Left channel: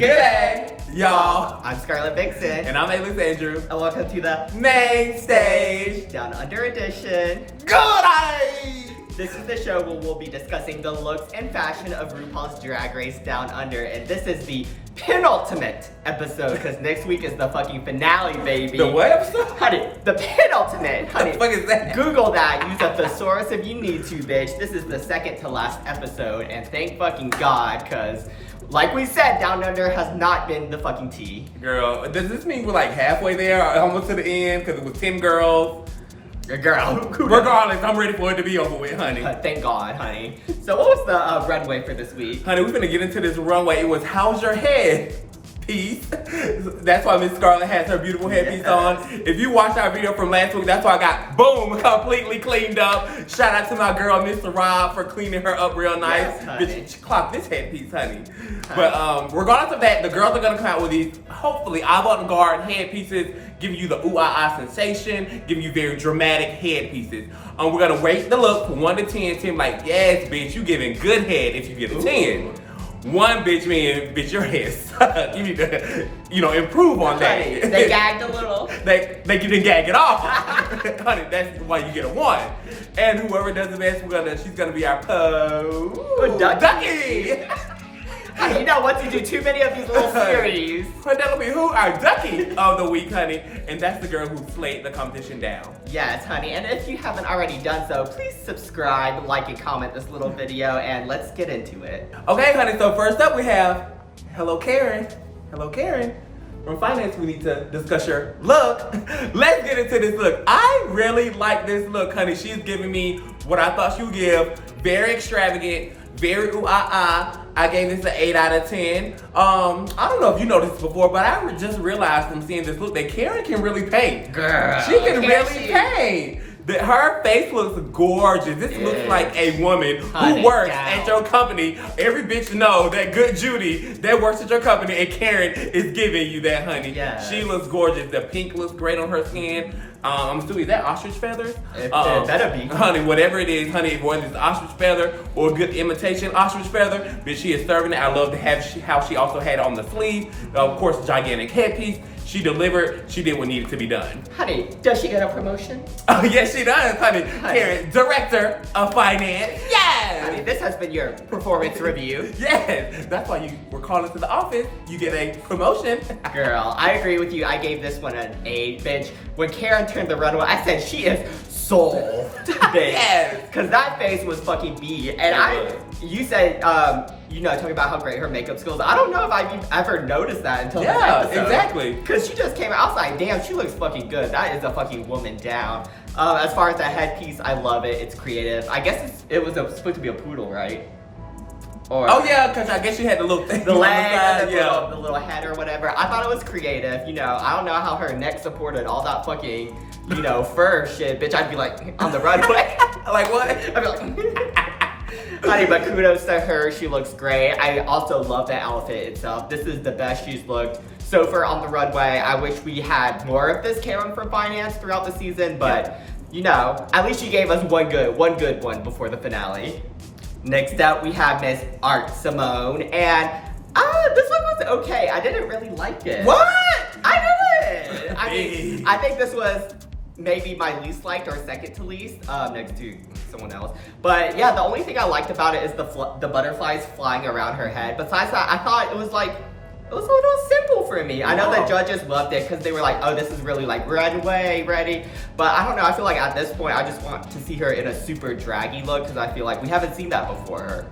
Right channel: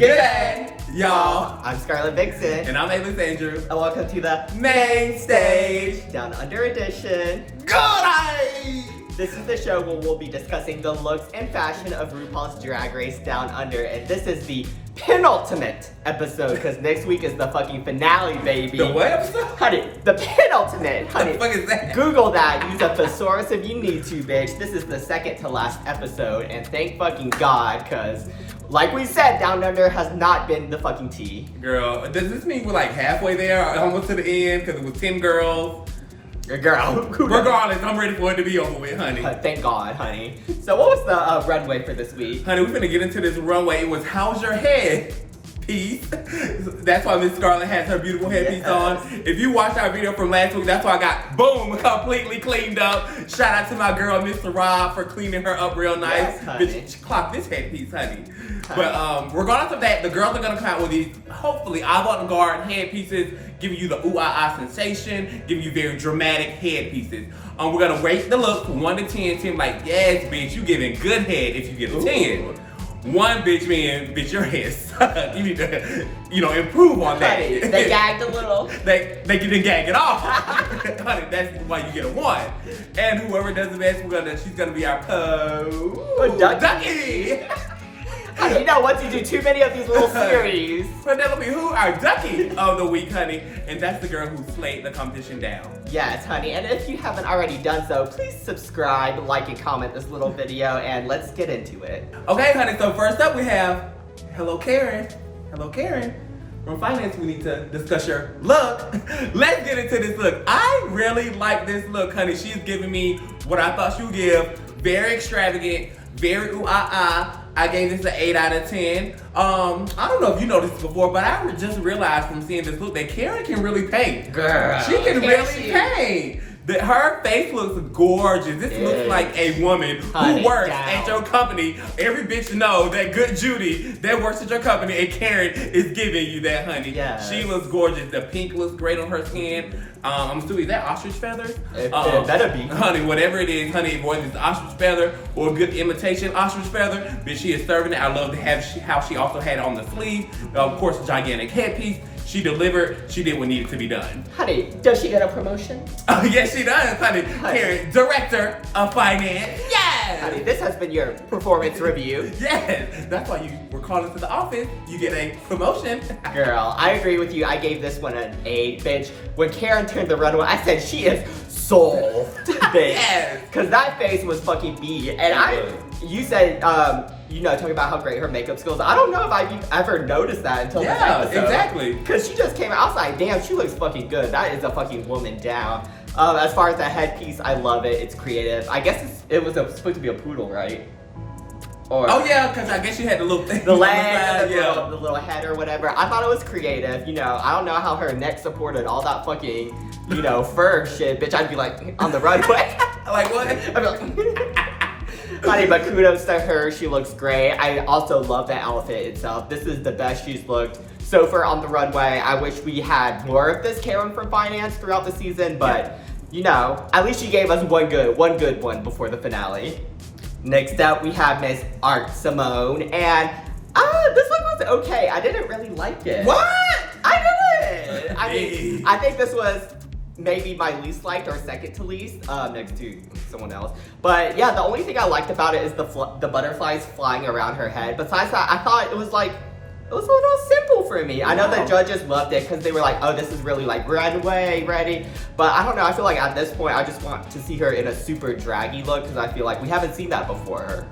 Good day, y'all. I'm Scarlett Vixen. And I'm Alex Andrew. And welcome to the Main Stage Down Under edition. Good day! This is the show where we'll be discussing the looks and fashion of RuPaul's Drag Race Down Under. And this is the penultimate episode, because next week is the fucking finale, baby. The what episode? Honey, the penultimate. Honey, What the fuck is that? Google that. Use a thesaurus if you need to, bitch. This is the second to last episode, and thank fucking God, because like we said, Down Under has not been the fucking tea. Girl, does this mean we're like halfway there, almost to the end, because it was 10 girls? Girl. Regardless, I'm ready for it to be over with, honey. Thank God, honey. So what was the runway for this week? Honey, we're gonna get into this runway. It was How's Your Head piece. That's why Miss Scarlett has her beautiful headpiece on. If you watched our video from last week, that's why I got, boom, completely cleaned up. Shout out to my girl, Mr. Rob, for cleaning her up real nice. Yes, honey. She clocked this headpiece, honey. But regardless of that, the girls are gonna come out with these, hopefully, avant-garde headpieces, giving you the ooh-ah-ah sensation, giving you very dramatic headpieces. We're gonna rate the look from 1 to 10. 10 like, yes, bitch, you giving good head if you give a 10. 1, bitch, mean, bitch, your head sucks. You need to, improve on that. Honey, they gagged a little. They didn't gag it off. Honey, that's why you get a 1. And whoever does the best, she's gonna be our ducky. Honey, you know what to do. Too many of these little series. Penelope, who our ducky of the week, honey. And that's the girl who slayed the competition down. Yes, honey. And if you haven't already done so, please subscribe, like, and comment this little video, and let's get into it. Okay, honey, so first up we have Hello Karen. Hello Karen. From finance, we need to discuss your look. Let's get into this look. I really like this look, honey. She's giving me what I thought she would give. Very extravagant, very ooh-ah-ah. I gave this an 8 out of 10. I don't know if you noticed before, but I just realized from seeing this look that Karen can really paint. Girl, she can really paint. Her face looks gorgeous. This looks like a woman who works at your company. Every bitch know that good Judy that works at your company, and Karen is giving you that, honey. Yes. She looks gorgeous. The pink looks great on her skin. I'm assuming, is that ostrich feathers? It better be. Honey, whatever it is, honey, whether it's ostrich feather or a good imitation ostrich feather, but she is serving it. I love to have how she also had it on the sleeve. Of course, gigantic headpiece. She delivered. She did what needed to be done. Honey, does she get a promotion? Oh, yes, she does, honey. Karen, Director of Finance. Yes! Honey, this has been your performance review. Yes! That's why you were called into the office. You get a promotion. Girl, I agree with you. I gave this one an 8, bitch. When Karen turned the runway, I said she is soul, bitch. Yes! Because that face was fucking B. And you said, talking about how great her makeup skills. I don't know if I've ever noticed that until this episode. Yeah, exactly. Because she just came out, I was like, damn, she looks fucking good. That is a fucking woman down. As far as the headpiece, I love it. It's creative. I guess it was supposed to be a poodle, right? Or, oh yeah, because I guess she had the little thing. The leg and the little head or whatever. I thought it was creative. I don't know how her neck supported all that fucking, fur shit. Bitch, I'd be like, on the runway. Like what? I'd be like, honey, but kudos to her. She looks great. I also love the outfit itself. This is the best she's looked so far on the runway. I wish we had more of this Karen from Finance throughout the season, but at least she gave us one good one before the finale. Next up, we have Miss Art Simone, and this one was okay. I didn't really like it. What? I didn't. I mean, I think this was maybe my least liked or second to least, next to someone else. But yeah, the only thing I liked about it is the butterflies flying around her head. Besides that, I thought it was a little simple for me. I know the judges loved it because they were like, oh, this is really like runway ready. But I don't know, I feel like at this point, I just want to see her in a super draggy look because I feel like we haven't seen that before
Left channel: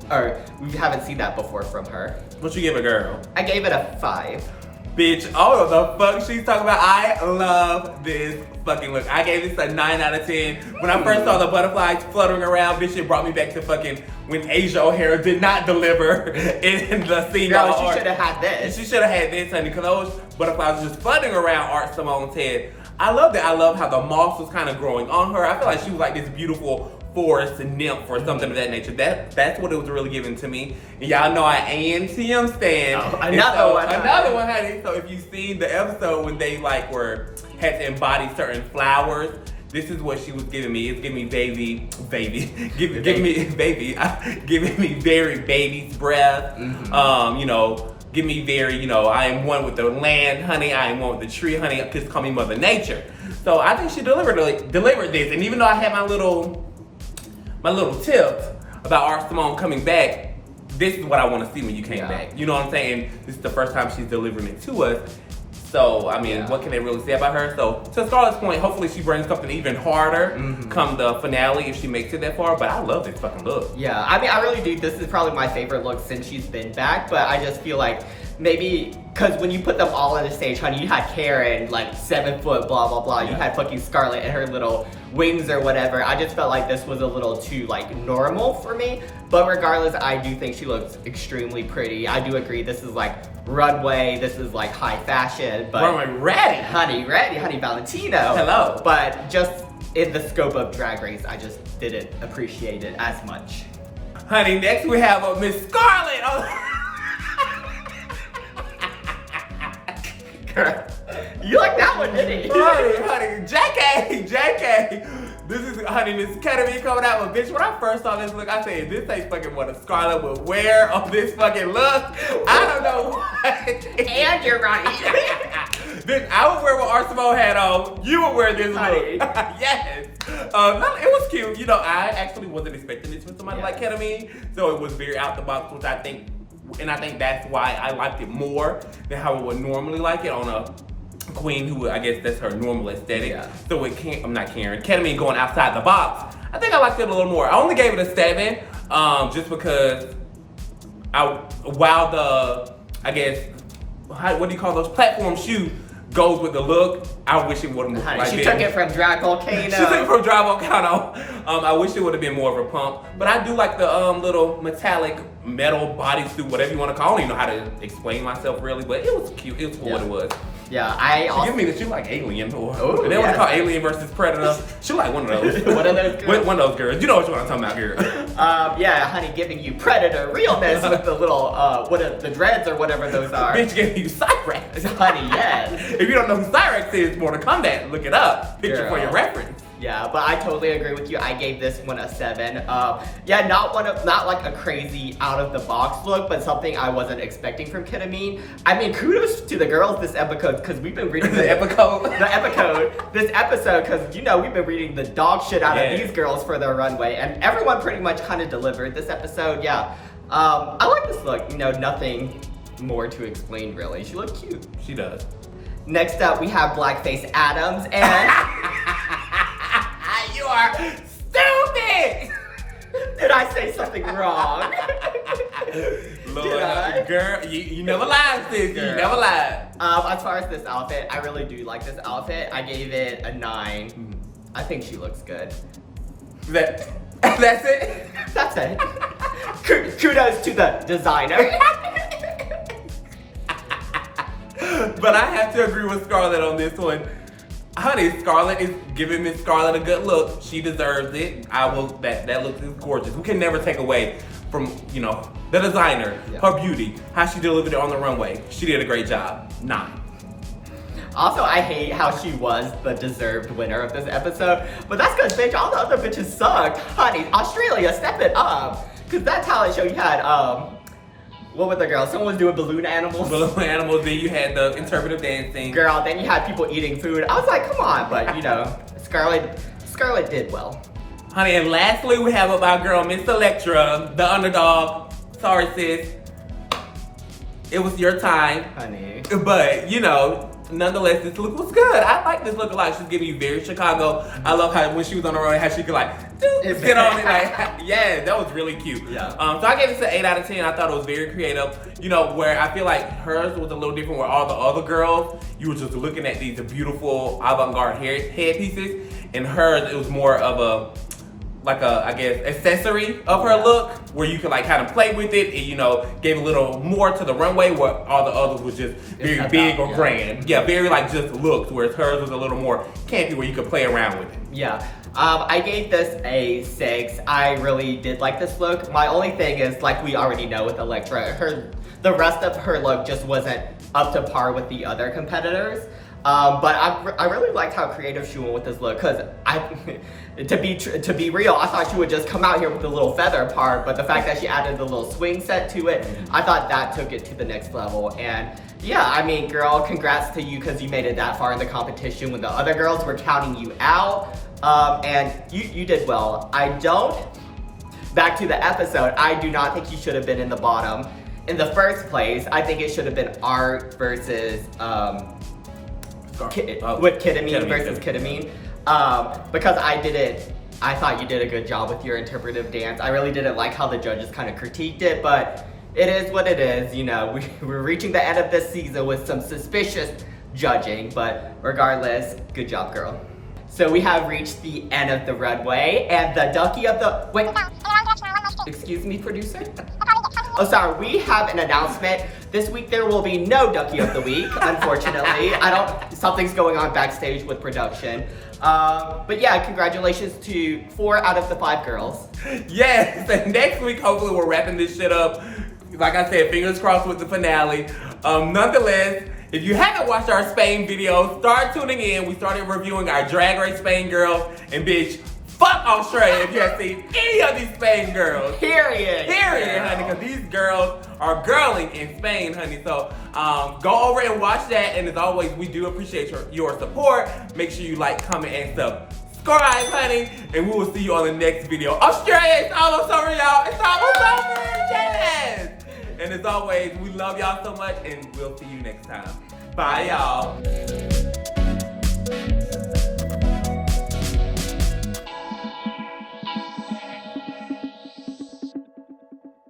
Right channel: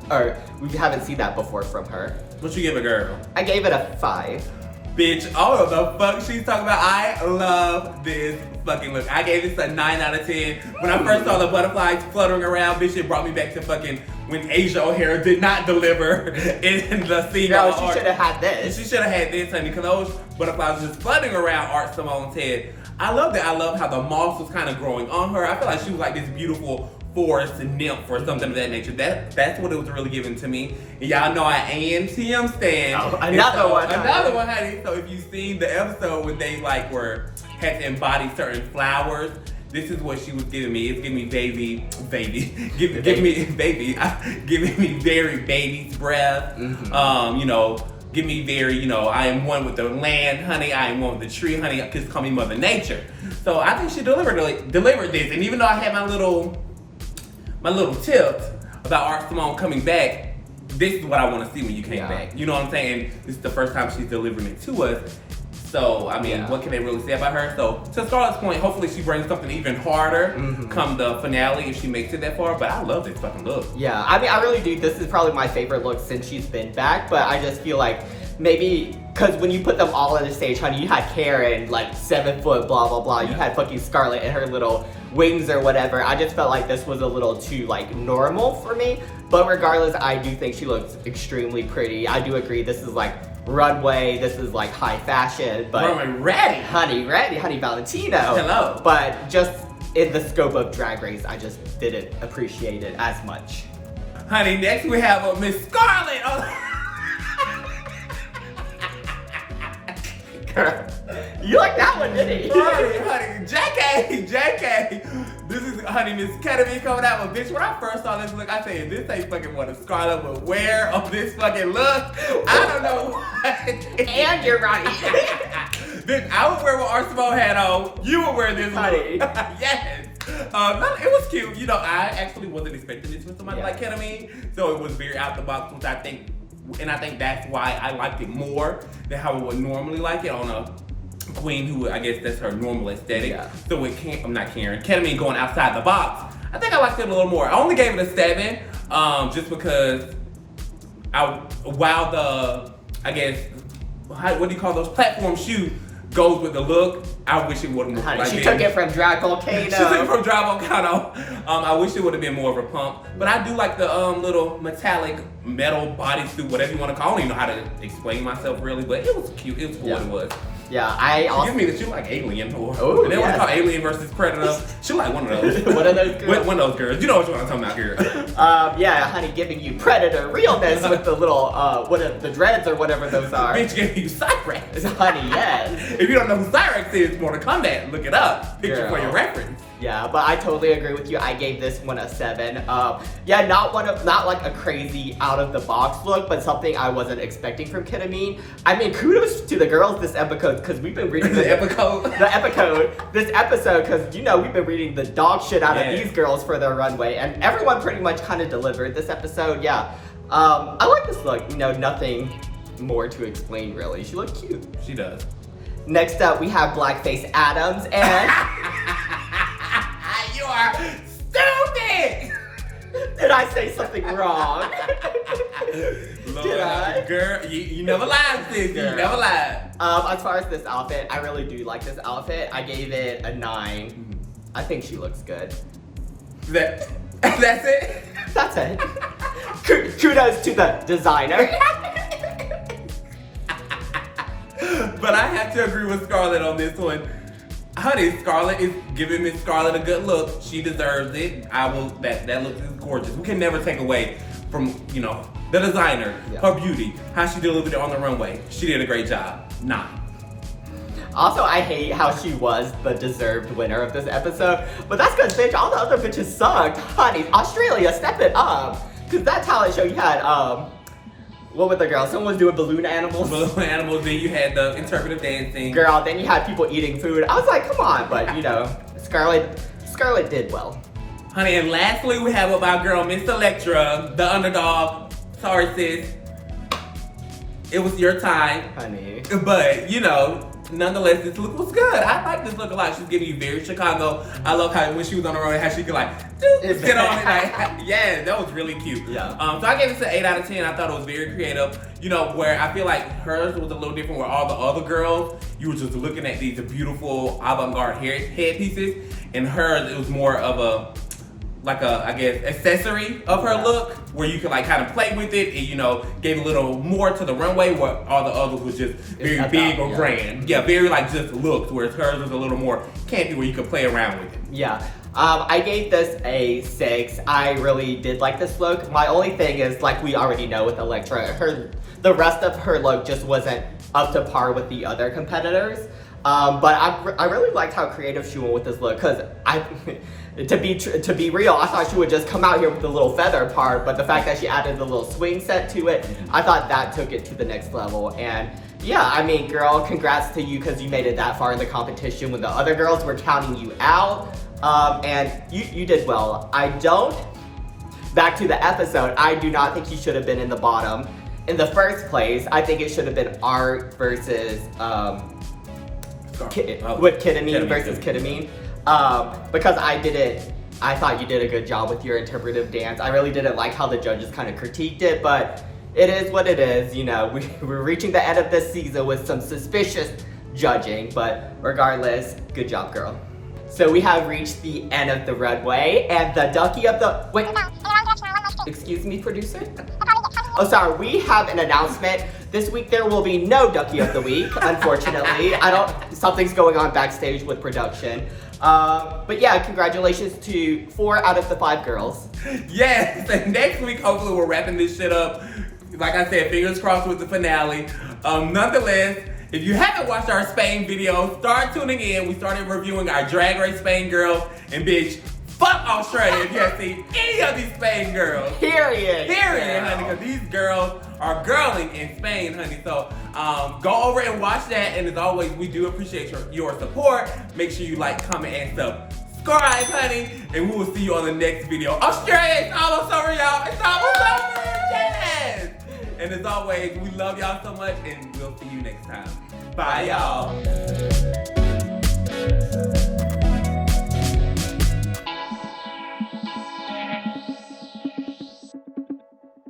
from her. What you give a girl? I gave it a 5. Bitch, all of the fuck she's talking about. I love this fucking look. I gave this a 9 out of 10. When I first saw the butterflies fluttering around, bitch, it brought me back to fucking when Asia O'Hara did not deliver in the scene. Girl, she should have had this. She should have had this, honey, because those butterflies were just fluttering around Art Simone's head. I love that. I love how the moss was kind of growing on her. I feel like she was like this beautiful forest nymph or something of that nature. That's what it was really giving to me. And y'all know I am TM stan. Oh, another one, honey. So if you've seen the episode when they had to embody certain flowers, this is what she was giving me. It's giving me giving me very baby's breath. give me very, I am one with the land, honey. I am one with the tree, honey. Just call me Mother Nature. So I think she delivered this. And even though I had my little tips about our Simone coming back, this is what I want to see when you came back. You know what I'm saying? This is the first time she's delivering it to us. So, I mean, what can they really say about her? So, to Scarlett's point, hopefully she brings something even harder come the finale if she makes it that far. But I love this fucking look. Yeah, I mean, I really do. This is probably my favorite look since she's been back. But I just feel like maybe, because when you put them all on the stage, honey, you had Karen, like 7 foot, blah, blah, blah. You had fucking Scarlett and her little wings or whatever. I just felt like this was a little too, like, normal for me. But regardless, I do think she looks extremely pretty. I do agree this is, like, runway, this is, like, high fashion. But runway ready. Honey Valentino. Hello. But just in the scope of Drag Race, I just didn't appreciate it as much. Honey, next we have Miss Scarlett. Girl, you like that one, didn't you? honey, JK. This is, honey, Miss Ketamine coming out with bitch. When I first saw this look, I said, this ain't fucking what a Scarlett would wear on this fucking look. I don't know. And you're right. This, I would wear what Arsenal had on. You would wear this honey. look. Yes. It was cute. I actually wasn't expecting this with somebody like Ketamine. So it was very out the box, which I think that's why I liked it more than how I would normally like it on a queen who, I guess that's her normal aesthetic. Yeah. So I'm not Karen. Ketamine going outside the box. I think I liked it a little more. I only gave it a 7, just because what do you call those platform shoes goes with the look. I wish it would have moved like She took it from Drag Volcano. She took it from Drag Volcano. I wish it would have been more of a pump. But I do like the little metallic metal bodysuit, whatever you want to call it. I don't even know how to explain myself really, but it was cute. It was what it was. Yeah, I also... Give me that she like Alien. Oh, and they want to call Alien versus Predator. She like one of those. One of those girls. One of those girls. You know what I'm talking about here. Yeah, honey, giving you Predator realness with the little, the dreads or whatever those are. Bitch giving you Cyrex. Honey, yes. If you don't know who Cyrex is, Mortal Kombat, look it up. Picture for your reference. Yeah, but I totally agree with you. I gave this one a 7. Yeah, not like a crazy out of the box look, but something I wasn't expecting from Ketamine. I mean, kudos to the girls this episode because we've been reading the episode this episode because we've been reading the dog shit out of these girls for their runway, and everyone pretty much kind of delivered this episode. Yeah, I like this look. Nothing more to explain really. She looked cute. She does. Next up, we have Blackface Adams and. You are stupid! Did I say something wrong? Did I? Girl, you never lied, sis. You never lied. As far as this outfit, I really do like this outfit. I gave it a 9. I think she looks good. That's it? That's it. Kudos to the designer. But I have to agree with Scarlett on this one. Honey, Scarlett is giving Miss Scarlett a good look. She deserves it. That look is gorgeous. We can never take away from, the designer, her beauty, how she delivered it on the runway. She did a great job. 9. Also, I hate how she was the deserved winner of this episode. But that's because, bitch, all the other bitches sucked. Honey, Australia, step it up. Because that talent show you had, what was the girl? Someone was doing balloon animals. Balloon animals, then you had the interpretive dancing. Girl, then you had people eating food. I was like, come on, but Scarlett did well. Honey, and lastly, we have our girl, Miss Electra, the underdog. Sorry, sis. It was your time. Honey. But, nonetheless, this look was good. I like this look a lot. She's getting you very Chicago. I love how when she was on the road, how she could get on it. Yeah, that was really cute. Yeah. So I gave it an 8 out of 10. I thought it was very creative. Where I feel like hers was a little different where all the other girls, you were just looking at these beautiful avant-garde headpieces. And hers, it was more of accessory of her look where you could kind of play with it and gave a little more to the runway where all the others was just very big or grand. Yeah, very just looks, whereas hers was a little more campy where you could play around with it. Yeah. I gave this a 6. I really did like this look. My only thing is, like we already know with Electra, the rest of her look just wasn't up to par with the other competitors. But I really liked how creative she went with this look, because to be real, I thought she would just come out here with the little feather part, but the fact that she added the little swing set to it, I thought that took it to the next level. And yeah, I mean, girl, congrats to you, because you made it that far in the competition when the other girls were counting you out. And you did well. Back to the episode, I do not think you should have been in the bottom. In the first place, I think it should have been Art versus with Ketamine versus Ketamine. Because I thought you did a good job with your interpretive dance. I really didn't like how the judges kind of critiqued it, but it is what it is. You know, we're reaching the end of this season with some suspicious judging, but regardless, good job, girl. So we have reached the end of the runway, and the ducky of the, wait, excuse me, producer? Oh, sorry, we have an announcement. This week there will be no Ducky of the Week, unfortunately. Something's going on backstage with production. But yeah, congratulations to 4 out of the 5 girls. Yes, and next week, hopefully we're wrapping this shit up. Like I said, fingers crossed with the finale. Nonetheless, if you haven't watched our Spain video, start tuning in. We started reviewing our Drag Race Spain girls, and bitch, fuck Australia if you have seen any of these Spain girls. Period, honey, because these girls are girling in Spain, honey. So go over and watch that. And as always, we do appreciate your support. Make sure you like, comment, and subscribe, honey. And we will see you on the next video. Australia, it's almost over, y'all. It's almost over. Yes. And as always, we love y'all so much, and we'll see you next time. Bye, y'all.